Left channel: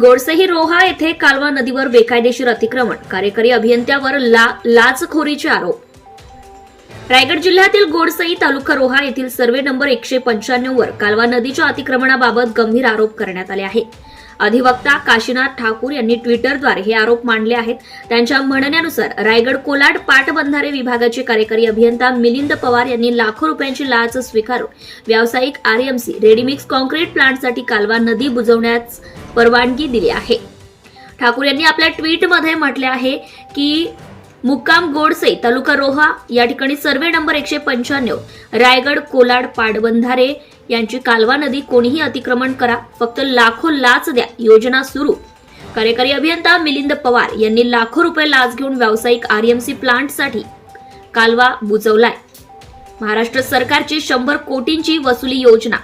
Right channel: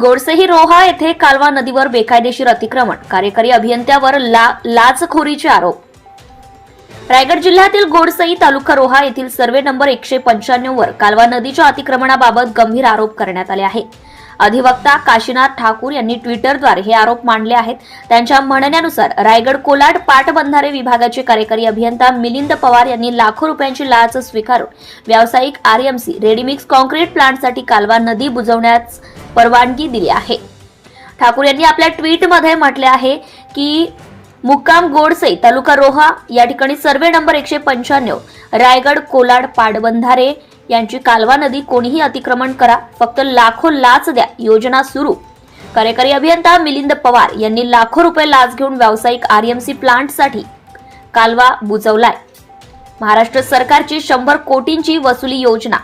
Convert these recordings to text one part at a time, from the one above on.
गोडसेही रोहा येथे कालवा नदीवर बेकायदेशीर अतिक्रमण. कार्यकारी अभियंत्यावर ला लाचखोरीचे आरोप. रायगड जिल्ह्यातील गोडसई तालुका रोहा येथील सर्वे नंबर एकशे पंच्याण्णव वर कालवा नदीच्या अतिक्रमणाबाबत गंभीर आरोप करण्यात आले आहे अधिवक्ता काशीनाथ ठाकूर यांनी ट्विटरद्वारे हे आरोप मांडले आहेत. त्यांच्या म्हणण्यानुसार रायगड कोलाड पाटबंधारे विभागाचे कार्यकारी अभियंता मिलिंद पवार यांनी लाखो रुपयांची लाच स्वीकारून व्यावसायिक आरएमसी रेडीमिक्स कॉन्क्रीट प्लांटसाठी कालवा नदी बुजवण्यास परवानगी दिली आहे. ठाकूर यांनी आपल्या ट्विटमध्ये म्हटले आहे की मुक्काम गोडसे तालुका रोहा या ठिकाणी सर्वे नंबर एकशे पंच्याण्णव रायगड कोलाड पाटबंधारे यांची कालवा नदी कोणीही अतिक्रमण करा फक्त लाखो लाच द्या योजना सुरू. कार्यकारी अभियंता मिलिंद पवार यांनी लाखो रुपये लाच घेऊन व्यावसायिक आरएमसी प्लांटसाठी कालवा बुजवलाय. महाराष्ट्र सरकारची शंभर कोटींची वसुली योजना.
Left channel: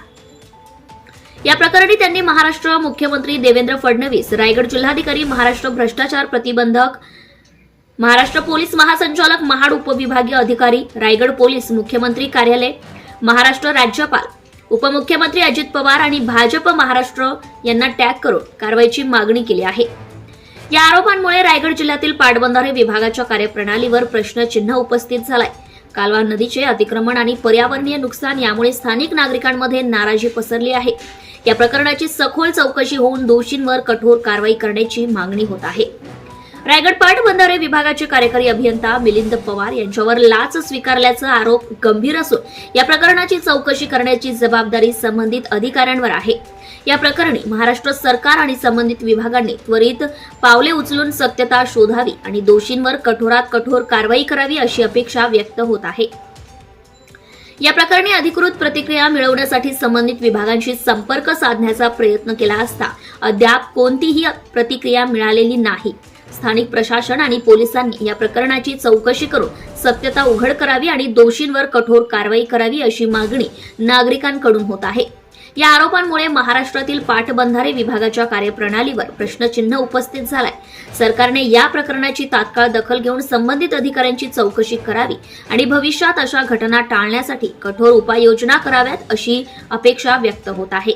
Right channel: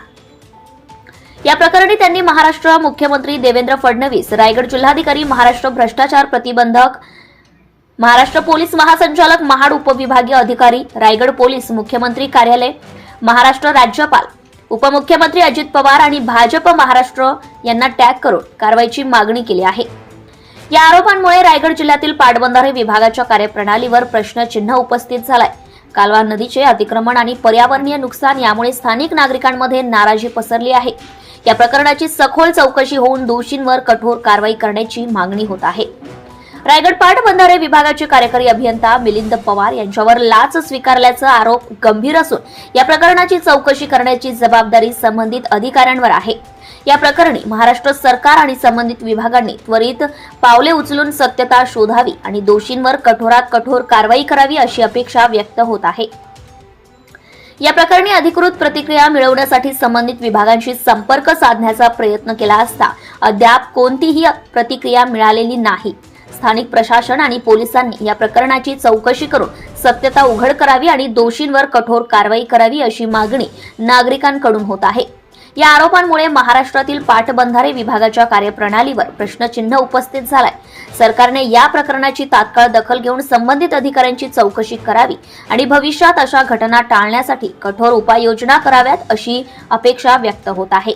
या प्रकरणी त्यांनी महाराष्ट्र मुख्यमंत्री देवेंद्र फडणवीस रायगड जिल्हाधिकारी महाराष्ट्र भ्रष्टाचार प्रतिबंधक महाराष्ट्र पोलीस महासंचालक महाड उपविभागीय अधिकारी रायगड पोलीस मुख्यमंत्री कार्यालय महाराष्ट्र राज्यपाल उपमुख्यमंत्री अजित पवार आणि भाजप महाराष्ट्र यांना टॅग करून कारवाईची मागणी केली आहे. या आरोपांमुळे रायगड जिल्ह्यातील पाटबंधारे विभागाच्या कार्यप्रणालीवर प्रश्नचिन्ह उपस्थित झालाय. कालवा नदीचे अतिक्रमण आणि पर्यावरणीय नुकसान यामुळे स्थानिक नागरिकांमध्ये नाराजी पसरली आहे. या प्रकरणाची सखोल चौकशी होऊन दोषींवर कठोर कारवाई करण्याची मागणी होत आहे. रायगड पाट बंधारे विभागाचे कार्यकारी अभियंता मिलिंद पवार यांच्यावर लाच स्वीकारल्याचा आरोप गंभीर असून या प्रकरणाची चौकशी करण्याची जबाबदारी संबंधित अधिकाऱ्यांवर आहे. या प्रकरणी महाराष्ट्र सरकार आणि संबंधित विभागांनी त्वरित पावले उचलून सत्यता शोधावी आणि दोषींवर कठोरात कठोर कारवाई करावी अशी अपेक्षा व्यक्त होत आहे. या प्रकरणी अधिकृत प्रतिक्रिया मिळवण्यासाठी संबंधित विभागांशी संपर्क साधण्याचा प्रयत्न केला असता अद्याप कोणतीही प्रतिक्रिया मिळालेली नाही. स्थानिक प्रशासन आणि पोलिसांनी या प्रकरणाची चौकशी करून सत्यता उघड करावी आणि दोषींवर कठोर कारवाई करावी अशी मागणी नागरिकांकडून होत आहे. या आरोपांमुळे महाराष्ट्रातील पाटबंधारे विभागाच्या कार्यप्रणालीवर प्रश्नचिन्ह उपस्थित झालाय. सरकारने या प्रकरणाची तात्काळ दखल घेऊन संबंधित अधिकाऱ्यांची चौकशी करावी आणि भविष्यात अशा घटना टाळण्यासाठी कठोर उपाययोजना कराव्यात अशी अपेक्षा व्यक्त होत आहे.